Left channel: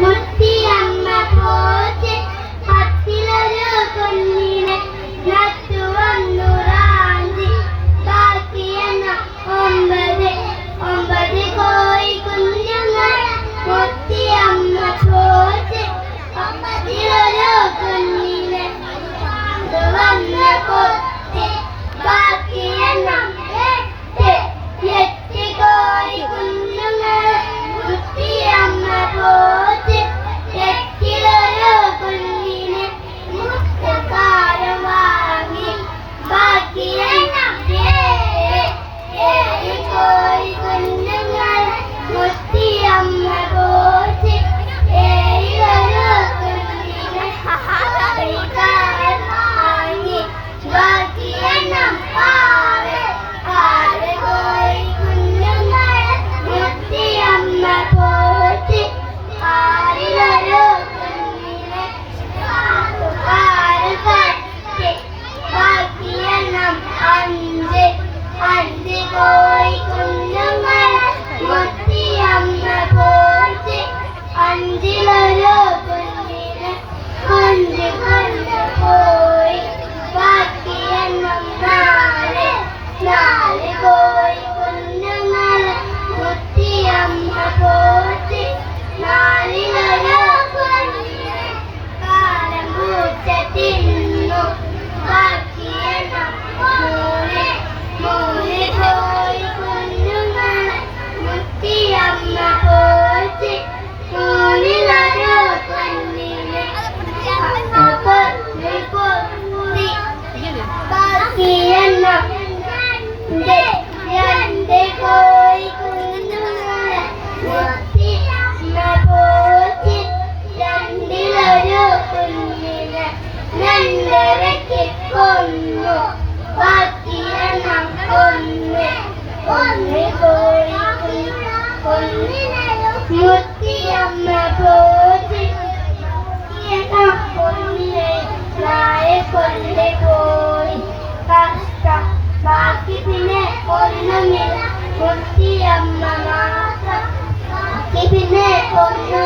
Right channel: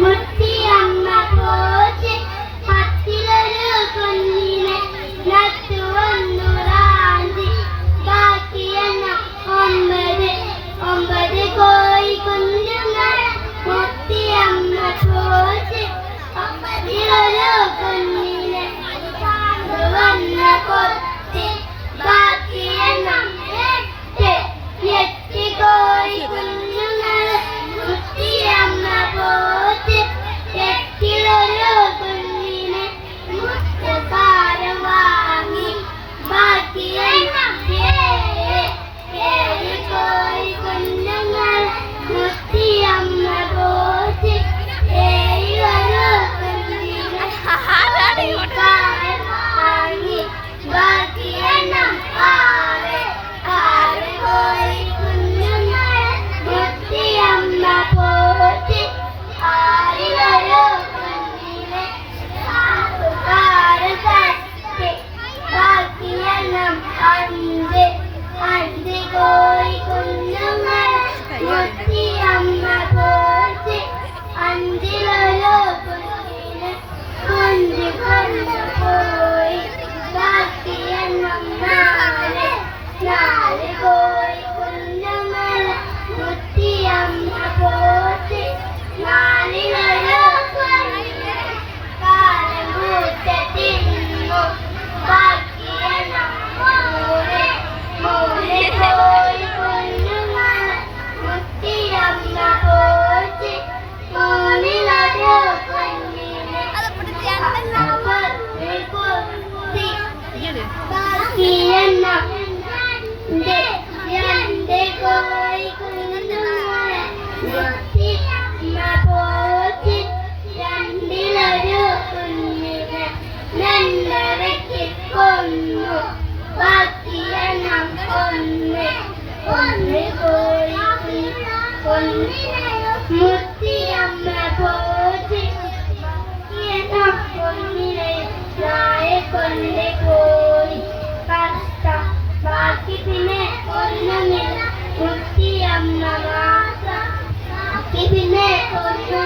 മുത്തിയമ്മ പോച്ച് പത്തിലൊരു കുഞ്ഞിനെ നട്ടു വന്നു റാഞ്ചി ബാക്കിയെന്ന ഒമ്പത് കോഴി കുഞ്ഞുങ്ങൾ മുത്തിയമ്മ പോച്ച് പത്തിലൊരു കുഞ്ഞിനെ വന്ന് കൊത്തി ബാക്കിയെന്ന എട്ട് കോഴി കുഞ്ഞുങ്ങൾ മുത്തിയമ്മ പോച്ച് എട്ടിലൊരു കുഞ്ഞിനെ മുത്തക്കാരം വാങ്ങി ബാക്കിയെന്ന ഏഴ് കോഴി കുഞ്ഞുങ്ങൾ മുത്തിയമ്മ പോച്ച് ഏഴിലൊരു കുഞ്ഞിനെ മുത്തക്കാരം വാങ്ങി ബാക്കിയെന്ന ആറ് കോഴി കുഞ്ഞുങ്ങൾ മുത്തിയമ്മ പോച്ച് ആറിലൊരു കുഞ്ഞിനെ കാറ് തട്ടി ബാക്കിയെണ്ണം അഞ്ച് കോഴി കുഞ്ഞുങ്ങൾ മുത്തിയമ്മ പോച്ച് അഞ്ചിലൊരു കുഞ്ഞിനെ കൊണ്ടുപോയി ബാക്കിയെണ്ണം നാല് കോഴി കുഞ്ഞുങ്ങൾ മുത്തിയമ്മ പോച്ച് നാലിലൊരു കുഞ്ഞിനെ കാലം പൂച്ച തിന്നു ബാക്കിയെണ്ണം മൂന്ന് കോഴി കുഞ്ഞുങ്ങൾ മുത്തിയമ്മ പോച്ച് മൂന്നിലൊരു കുഞ്ഞിനെ കൊത്തി ബാക്കിയെണ്ണം രണ്ട് കോഴി കുഞ്ഞുങ്ങൾ മുത്തിയമ്മ പോച്ച് രണ്ടിലൊരു കുഞ്ഞിനെ രണ്ടരയ്ക്ക് കൊന്നു ബാക്കിയെണ്ണം ഒന്ന് കോഴി മുത്തിയമ്മ പോച്ച് കുഞ്ഞിനെ നാളെ കൊണ്ടുപോയി കഷ്ടം ബാക്കി പിന്നെ ഒന്നുമില്ല മുത്തിയമ്മ മാത്രം ബാക്കി പിന്നെ ഒന്നും